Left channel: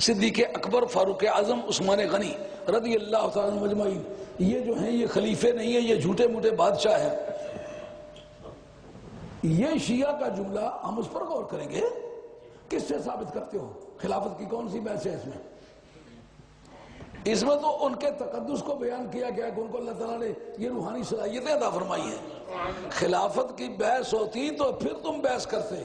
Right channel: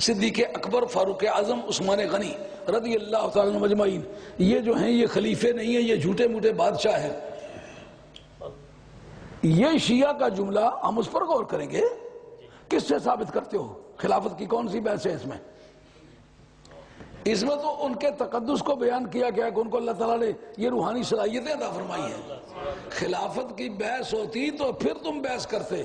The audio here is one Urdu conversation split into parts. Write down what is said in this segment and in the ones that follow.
صدیق اکبر، فاروق اعظم، عثمان غنی رضی اللہ تعالیٰ عنہم اجمعین، یہ جو ہیں یہ خلیفے نہیں ہیں، یہ جھوٹے موٹے بادشاہ ہیں۔ یہ شیعہ کا جملہ ہم اس پر غور کریں گے، کس سے ثابت کرتے ہو؟ خلافت کی کون سی بحث ہے اس میں؟ اس میں تو ان کے تقدس کو بیان کیا گیا کہ ان کو اللہ تعالیٰ نے یہ روحانی صلاحیتیں عطا فرمائی ہیں۔ خلافت کی بحث ہوتی تو پھر تم بحث کرتے،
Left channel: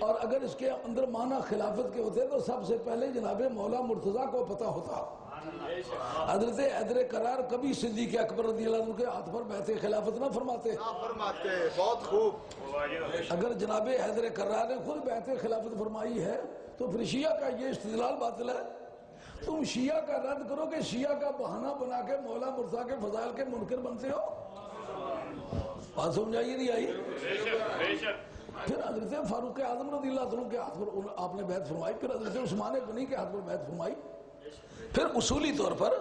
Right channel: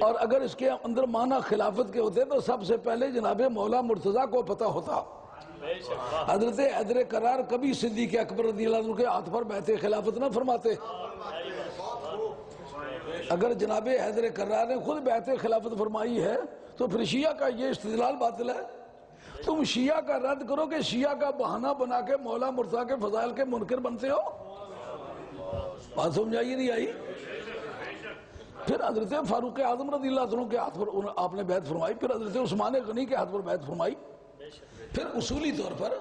اور اگر اس کے اندر معنی خلافت کے ہوتے تو سب سے پہلے جناب مولا مرتضیٰ کو پتہ ہوتا۔ حضرت حیدر کرار کبھی صدیق اکبر رضی اللہ عنہ کے ہاتھ پر بیعت خلافت نہ فرماتے۔ بہت خوب۔ اگر جناب حیدر کرار نے خود بیعت خلافت فرمائی ہے تو پھر شیعہ کا یہ استدلال باطل ہے۔ تم شیعہ کا رد کرو کہ شیعہ کا بہانہ بنا کے مولا مرتضیٰ کے فضائل کے منکر بنتے ہو۔ بات سمجھائی نہیں آئی؟ پھر حضرت فاروق اعظم رضی اللہ عنہ کے ہاتھ پر آپ نے بیعت فرمائی، پھر حضرت عثمان غنی کے ہاتھ پر بیعت فرمائی، پھر اصولی طور پر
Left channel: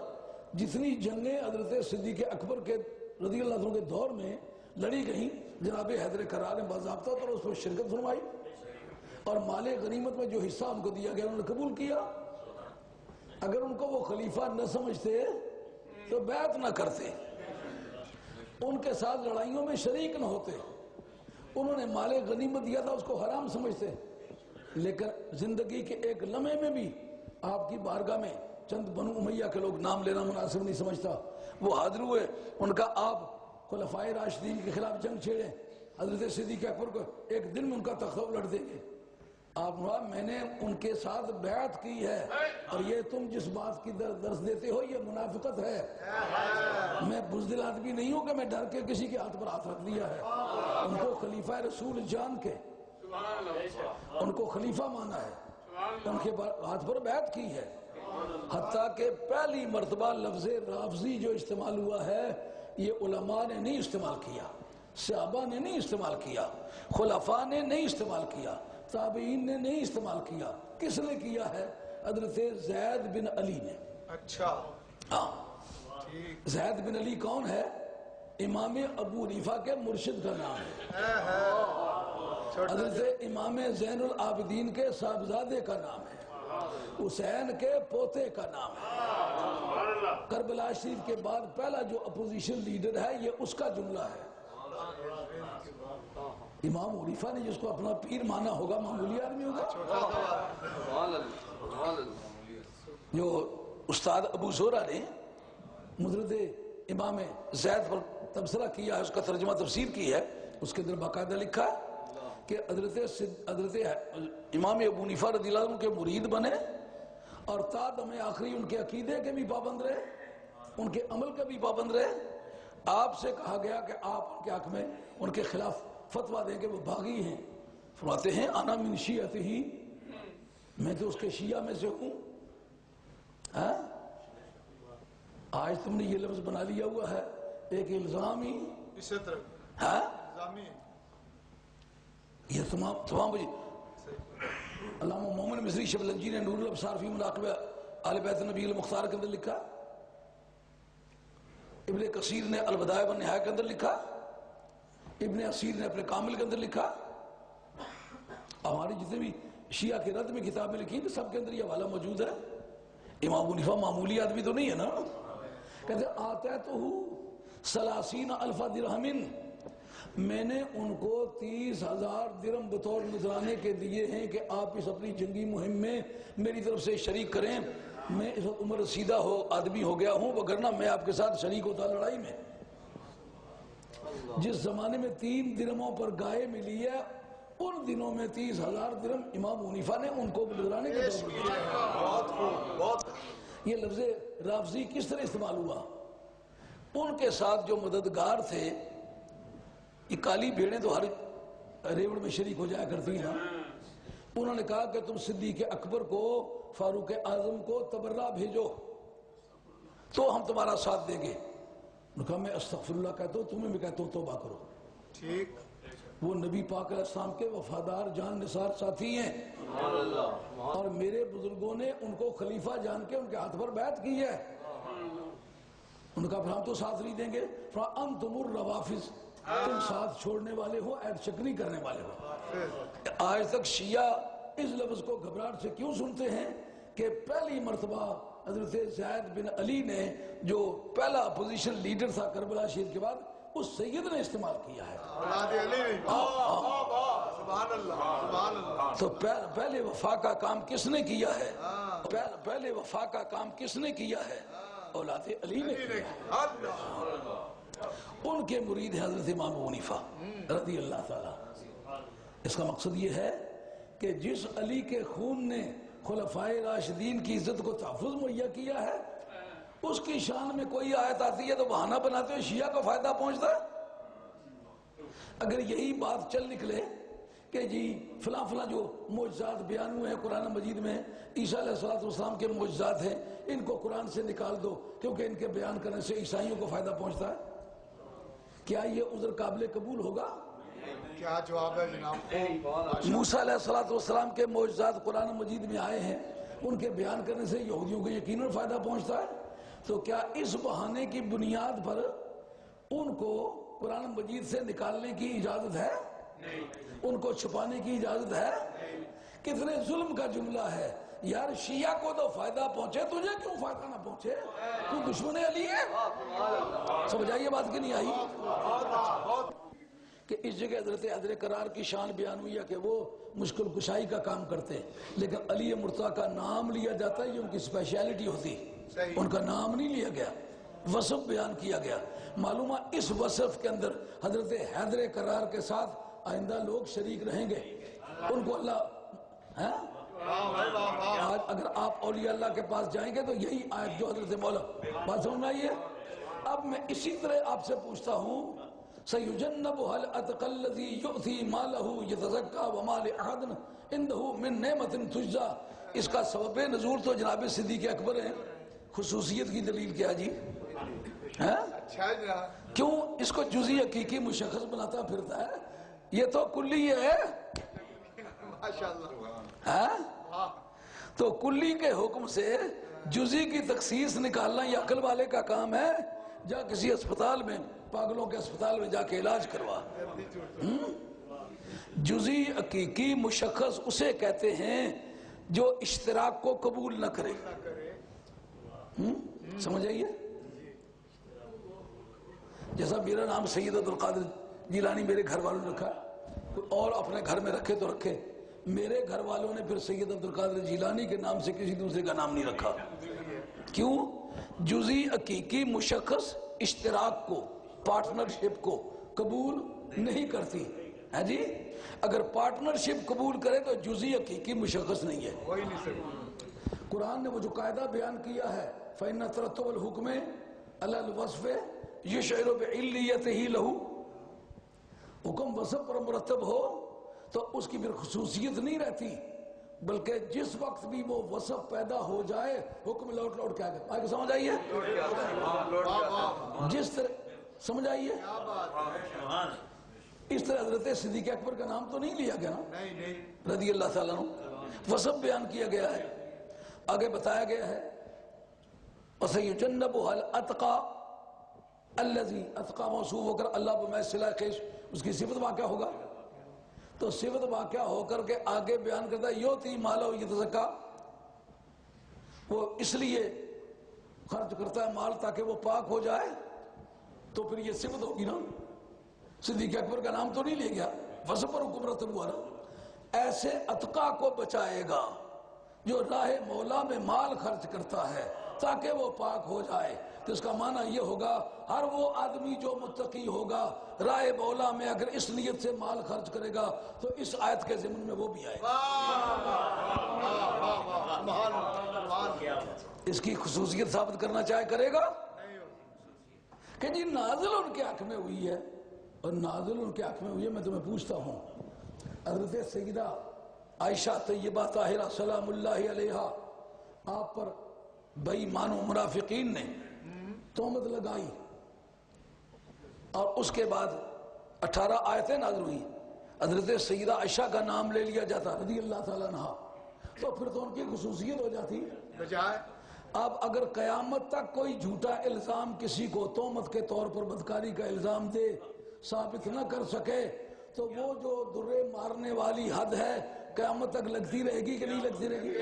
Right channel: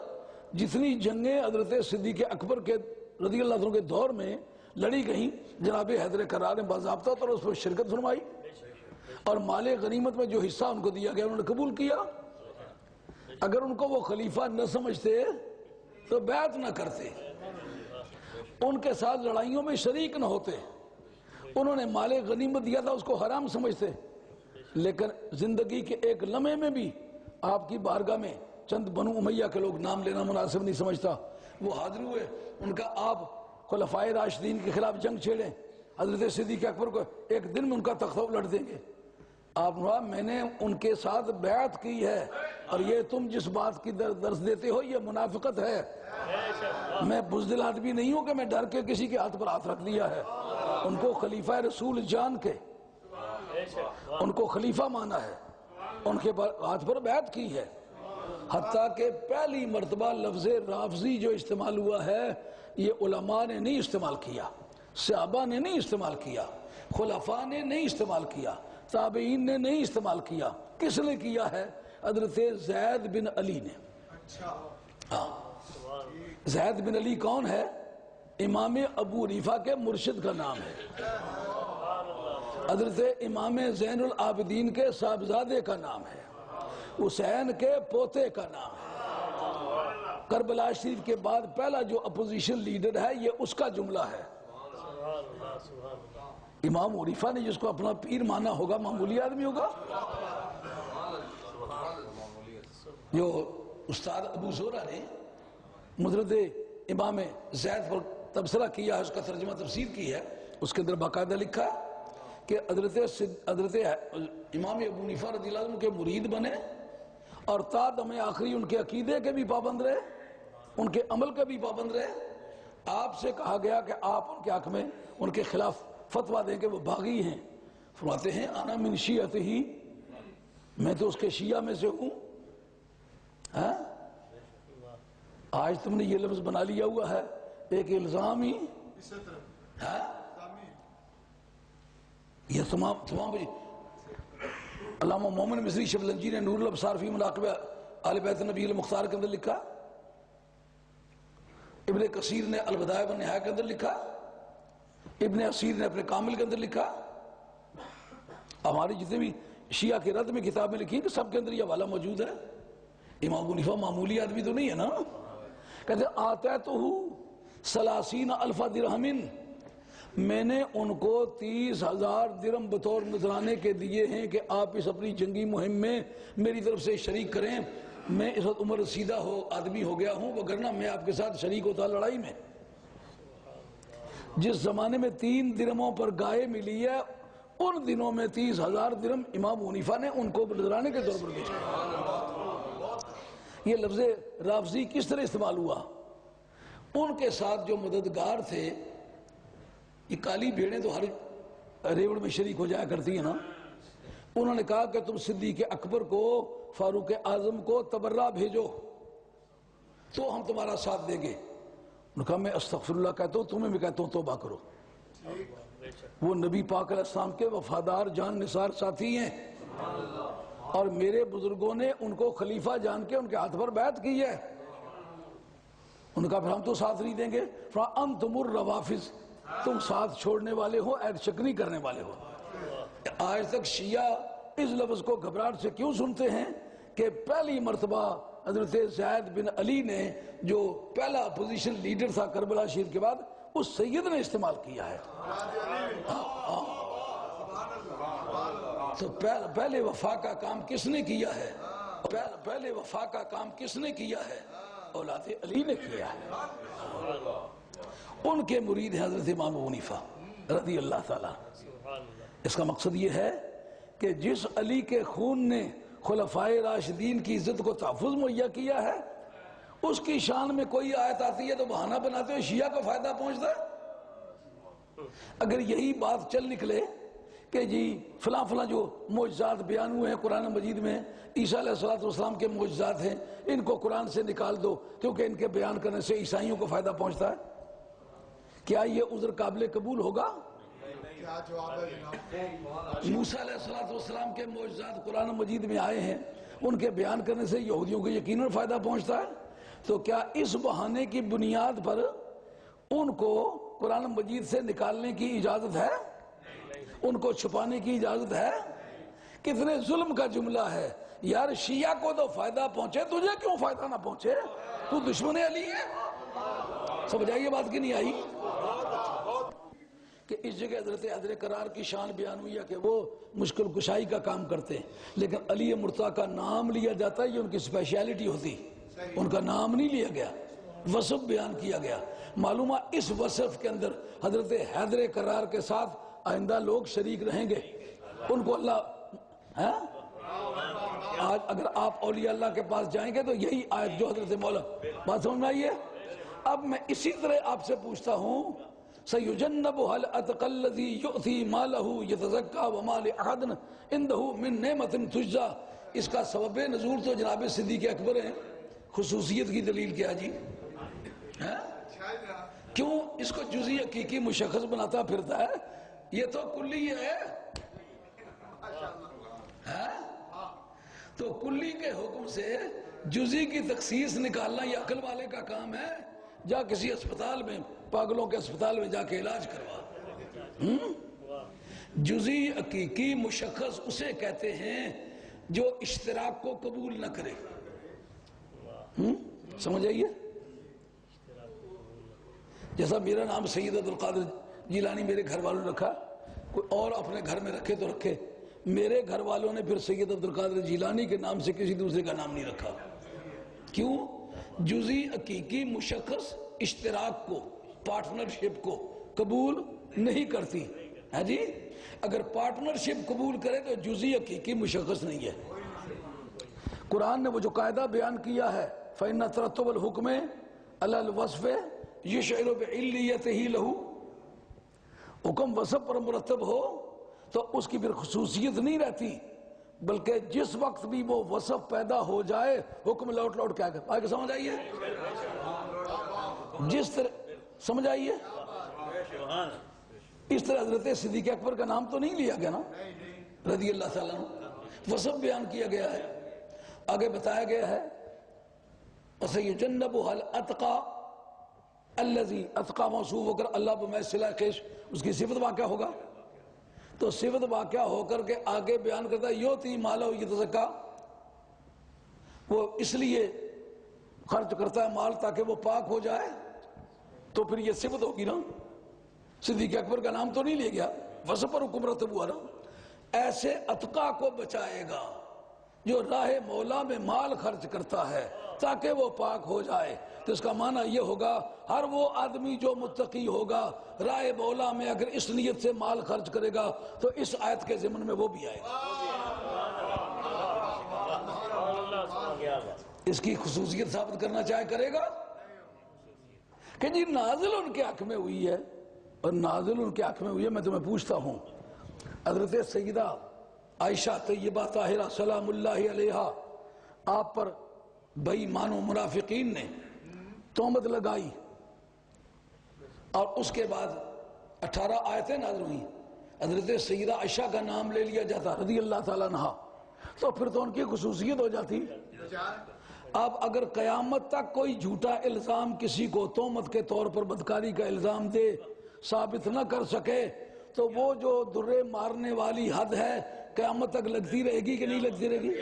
جتنی جنگیں حضرت صدیق اکبر کے رضی اللہ عنہ کے دور میں لڑی گئیں، جناب حیدر کرار نے باضابطہ طور پر اس پر شرکت فرمائی، اور مال غنیمت میں جو حصہ ان کو دیا گیا انہوں نے قبول کیا۔ اگر ان کو وہ خلیفہ نہ سمجھتے تو بیعت نہ کرتے، ان کے ساتھ لڑائیوں میں شریک نہ ہوتے، انہوں نے مال غنیمت دیا تھا اس کو حرام سمجھتے، لیکن زندگی کے ایک لمحے میں بھی آپ کی بارگاہ میں چند بنو امیہ کے لوگ، نام لینا مناسب نہیں سمجھتا، وہ حاضر ہوئے، ان کا آپ خلفائے راشدین کے خلاف جنگ چھیڑیں، حضرت صدیق اکبر کو ایک دن میں ان کا تختہ الٹ دیں گے۔ آپ نے کہا میں نے ان کے ساتھ بیعت کی ہے، اور یہ تم جس بات کی درس دیتے ہو یہ منافقت ہے۔ میں بزدل آدمی نہیں ہوں کہ میں ڈر کے کسی کے ہاتھ پر ہاتھ رکھ دیا ہے۔ ان کو خلیفہ رسول جان کے ان کو خلیفہ مانا ہے، ان کے ہاتھ پر بیعت کی ہے، حتیٰ کہ پہلی مرتبہ لفظ رافضی جو استعمال ہوا ہے یہ علماء نے نہیں استعمال کیا، صحابہ نے نہیں استعمال کیا، خلفاء نے نہیں استعمال کیا، تابعین نے نہیں استعمال کیا۔ کس نے کیا ہے؟ حضرت زید بن علی نے۔ اچھا، ہاں، زید بن علی کون ہے؟ امام ابو حنیفہ کے مرشد کا نام ہے، حضرت امام زین العابدین کے صاحبزادے کا نام ہے، حسین کے پوتے کا نام ہے۔ کربلا شریف کے بعد پہلا جو اپوزیشن لیڈر ہے یہ اس کا جملہ ہے۔ امام حنیفہ نے جس کو اپنا پیر مانا ہوگا معمولی آدمی ہوگا؟ جو استاد ابو زہرہ نے مدرد امام زید پر تبصرہ کیا ہے، اس کا ترجمہ تفسیر کی ہے، اس کے اندر باقاعدہ لکھا ہے کہ حضرت امام ابو حنیفہ رضی اللہ عنہ کے مرید بنے، اور تا دم آخری ان کے عقیدے کے بھی پابند رہے، ان کے عمل کے بھی پابند رہے۔ آپ سے کہا گیا کہ آپ ان کے حق میں ان کے خلاف فتویٰ دیں کہ وہ باغی ہیں، فرماتے ہیں انا من شیعتہ، میں تو اس کے شیعہ میں سے ہوں۔ ہاں، آج تم نے یہ لفظ بنا لیا ہوا ہے ایک الزامی، ہاں یہ تمام علامہ مومن مصری شبلنجی نے نور الابصار فی مناقب آل بیت نبی المختار کے اندر لکھا، ابن کثیر نے البدایہ والنہایہ کے اندر لکھا، ابن اسیر نے اپنے کامل کے اندر لکھا، ہماری جتنے بھی شیعہ کے رد میں کتابیں لکھی ہیں سب کے اندر یہ حوالہ موجود ہے۔ امام ابو حنیفہ معمولی آدمی تو نہیں ہے نا، کہتے آتیتہ 30,000 درہم، میں نے ان کو 30,000 درہم بطور نذرانے کے دیے ہیں کہ آپ اس اپنی جنگی مہم میں میری طرف سے شریک کریں۔ میں اس وقت عمر رسیدہ آدمی ہو گیا ہوں، وگرنہ میں آپ کے ساتھ شریک ہوتا لڑائی میں۔ جس زمانے میں 3 درہموں پر گائے ملی ہے ان دنوں میں 30,000 درہم امام ابو حنیفہ نے ان کو نذرانے کے طور پر بھیجا۔ یہ لفظ رافضی کس طرح استعمال ہوا؟ ان کے ساتھ جو مددگار تھے، یہ کالی بھیڑیں تو ہر ریوڑ میں شریک ہو جایا کرتی ہیں نا، انہوں نے کہا کہ تم صدیق اکبر کو، فاروق اعظم کو تبرہ بھیجو تو ہم تمہارا ساتھ دیں گے۔ انہوں نے کہا میں استغفر اللہ کہتا ہوں، تمہیں بھی کہتا ہوں توبہ کرو۔ وہ نبی پاک علیہ السلام کے وفادار جان نثار ساتھی ہیں، اور میرے بزرگوں نے ان کو خلیفہ جان کے ان کے ہاتھ پر بیعت کی ہے۔ ان کا پھر ہم تو ساتھ نہیں دیں گے۔ فَأَنْتُمُ الرَّوَافِض، تم ساتھ چھوڑنے والے ہو، عہد شکنی کرنے والے ہو۔ آج تک شیعہ اس لفظ کو گھبراہٹ سے کیوں سنتے ہیں؟ کہ پہلی مرتبہ حضرت زید بن علی نے جو پہلا اپوزیشن لیڈر تھا کربلا شہید کے بعد، اس سید نے استعمال کیا ہے۔ تو پہلے وفا کا کام کس نے کیا ہے؟ پہلے وفا کا کام کس نے کیا ہے؟ اولاد علی نے کیا ہے۔ ان کے مرید ہیں حضرت امام ابو حنیفہ رضی اللہ تعالیٰ۔ اس کا مقصد یہ ہے کہ جس علی کے خون نے خلفائے راشدین کی عزت کو تحفظ مہیا کیا ہے، اس کی شان میں کوئی آیت آتی ہے تو بہانہ بناتے ہوئے شیعہ کو فائدہ پہنچتا ہے۔ اگر یہی بات چل نکلے کہ جی فلاں فلاں جو معجزات بیان ہوئے ہیں قرآن مجید میں، عیسیٰ علیہ السلام کے معجزات ہیں، ان کو قرآن سے نکال دو کیونکہ ان کے بیان کرنے سے عیسائیوں کو فائدہ پہنچتا ہے، کیا یہ عذر قابل قبول ہوگا؟ کیا جواب ہے جناب؟ موسیٰ علیہ السلام کے معجزات قرآن مجید میں آئے ہیں، ان کے بیان کرنے سے یہودیوں کو یقیناً فائدہ پہنچتا ہے، تو کیا اس بہانے کی بنیاد پر ان کو قرآن مجید سے نکالنے کی اجازت ہے؟ ان کو چھپانے کی اجازت ہے؟ کتنے ظلم کا جملہ ہے یار، شیعہ کو تو فائدہ پہنچے، تجھے کیوں فائدہ نہ پہنچے؟ تو دشمن علی ہے؟ سمجھائیے بات کی نہیں آئی کہ اس جگہ حضرت قرار کی شان بیان ہوئی ہے کہ وہ مشکل کشائی کا کام کرتے ہیں، لیکن علی مرتضیٰ کا نام لیا جاتا ہے، یہ ان کی اسپیشیلٹی ہوتی، ان کا نام نہیں لیا گیا، وصف بیان کیا گیا۔ معلومہ اس وصف کے اندر حضرت حیدر قرار کے ساتھ آئندہ لوگ شریک رہیں گے، ان کو اللہ آج اگر آپ اولیاء اللہ کے پاس جائیں گے تو یہی آیت جو حضرت مولا بات سمجھ میں آئیے۔ اب میں اسی طرح آپ سے پوچھتا ہوں، سَيُجَنَّبُهَا الْأَتْقَى الَّذِي يُؤْتِي مَالَهُ يَتَزَكَّى وَمَا لِأَحَدٍ عِندَهُ مِن نِعْمَةٍ تُجْزَىٰ۔ اس کا سبب نزول تو جناب صدیق اکبر ہیں، خصوصیت کی دلیل کیا جی؟ کیوں اس کو جزئی حقیقی مشخص بناتا پھرتا ہے؟ یہ تو کلی ہے، تو کلی کے حکم سے جزئی کی تخصیص نکالنا یہ عقل والے کا کام ہے؟ جا کسی اسپتال میں، پاگلوں کے اسپتال میں جا کے علاج کروا۔ جزئی حقیقی مشخص اسے کہتے ہیں جو اشتراک کو قبول نہ کرے، سمجھ آئیے؟ جیسا میرا نام سید عبدالقادر جیلانی میرے گھر والوں نے رکھا، کوئی اور اپنے گھر میں رکھے تو رکھے، میرے گھر والوں نے پھر سید عبدالقادر جیلانی کے نام سے کسی دوسرے کا نام نہیں رکھا۔ کیوں؟ جزئی حقیقی مشخص اشتراک کو، پارٹنرشپ کو قبول نہیں کرتی ہے جی۔ اگر پارٹنرشپ قبول کرے تو جزئی حقیقی مشخص نہیں ہے۔ قرآن نے وہ جو قاعدہ بیان کیا ہے فَإِنَّ تَرَتُّبَ الْحُكْمِ عَلَى الْوَصْفِ يُشْعِرُ بِعِلِّيَّتِهِ لَهُ، حکم وصف پر مرتب ہو تو اس کی پھر خصوصیت نہیں رہتی، بلکہ جس وقت بھی وہ وصف پیدا ہو جائے حکم لوٹ لوٹ کے آگے سمجھ آئیے؟ جس طرح سمجھ آئیے؟ اس طرح حضرت صدیق اکبر کا نام تو نہیں لیا گیا نا رضی اللہ تعالیٰ عنہ، وصف بیان کیا گیا ہے، آگے بتایا گیا ہے وَسَيُجَنَّبُهَا الْأَتْقَى الَّذِي اتقا موصوف ہو کر اللہ بمحض صلہ خیش اس کی صفت واقع ہوگا، تو صفت واقع ہو کر کے آگے بیان کرتا ہے یوتی مالہ یتزکا، وہ اس لیے خرچ کرتا ہے مال تاکہ وہ پاک ہو جائے، تو پھر یہ صفت ہوگی نا۔ صدیق اکبر کا نام تو نہیں لے گیا، وصف پر حکم رتب ہوا نا۔ ایسے اتقا کو بچائے گا جو راہ مولا میں مال خرچ کرتا ہے تاکہ وہ پاک ہو جائے، تو اس کا معنی یہ ہوگا ہر وہ آدمی جو متقی ہوگا راہ مولا میں اگر اس نیت سے مال خرچ کرے گا تو اس آیت کے ضمن میں وہ بھی آئے گا۔ اس کی خصوصیت ثابت کرنا چاہے کرے گا کہ جی نازل ان کے حق میں ہوئی ہے، اور نازل ان کے حق میں ہوئی ہے۔ میں تمہیں پوچھتا ہوں، حضرت سیدہ عائشہ طیبہ طاہرہ سلام اللہ علیہا آپ پر بے ایمان و منافقین نے تہمت لگائی، اور اس کے بعد 18 آیتیں نازل ہوئی، حضرت سیدہ عائشہ کا نام لے لیا جاتا رضی اللہ تعالیٰ عنہ، تو پھر تو ان کی خصوصیت ہو جاتی۔ اب اگر قیامت تک کوئی جھوٹا الزام کسی کو تہمت کے طور پر بدکاری کا الزام دے ثابت نہ کر سکے، تو وہ جو درے مارنے والی حد ہے قیامت تک لگتی رہے گی کہ نہیں لگتی رہے گی؟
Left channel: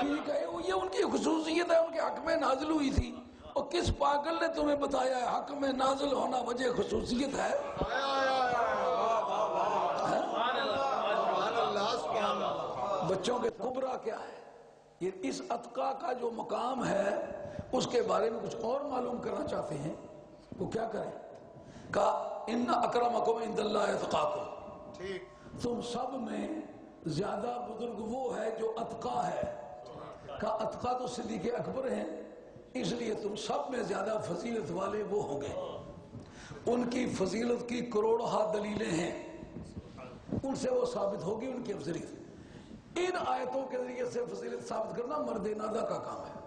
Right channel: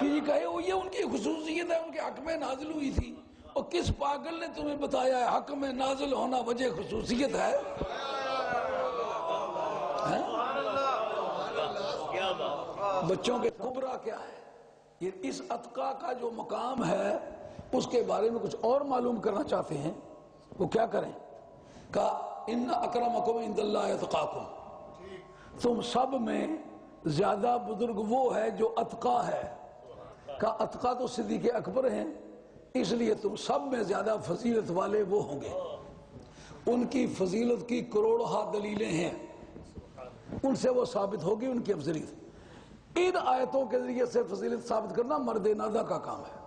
کہ یہ کہے یہ ان کی خصوصیت ہے، ان کے حق میں نازل ہوئی تھی، اور کس پاگل نے تمہیں بتایا ہے حق میں نازل ہونا وجہ خصوصیت ہے؟ بچوں کے کبرا کیا ہے؟ یہ اس اتقا کا جو مقام ہے اس کے بارے میں کچھ اور معلوم کرنا چاہتے ہیں، وہ کیا کریں؟ کہا ان اکرمکم عند اللہ اتقاکم، تم سب میں زیادہ بزرگ وہ ہے جو اتقا ہے۔ کہا اتقا تو صدیق اکبر ہیں، اس لیے تم سب میں زیادہ فضیلت والے وہ ہوں گے۔ ان کی فضیلت کی کروڑہ دلیلیں ہیں، ان سے وہ ثابت ہوگی ان کی افضلیت۔ ان آیتوں کے ذریعے سے فضیلت ثابت کرنا مرد نادہ کا کام ہے۔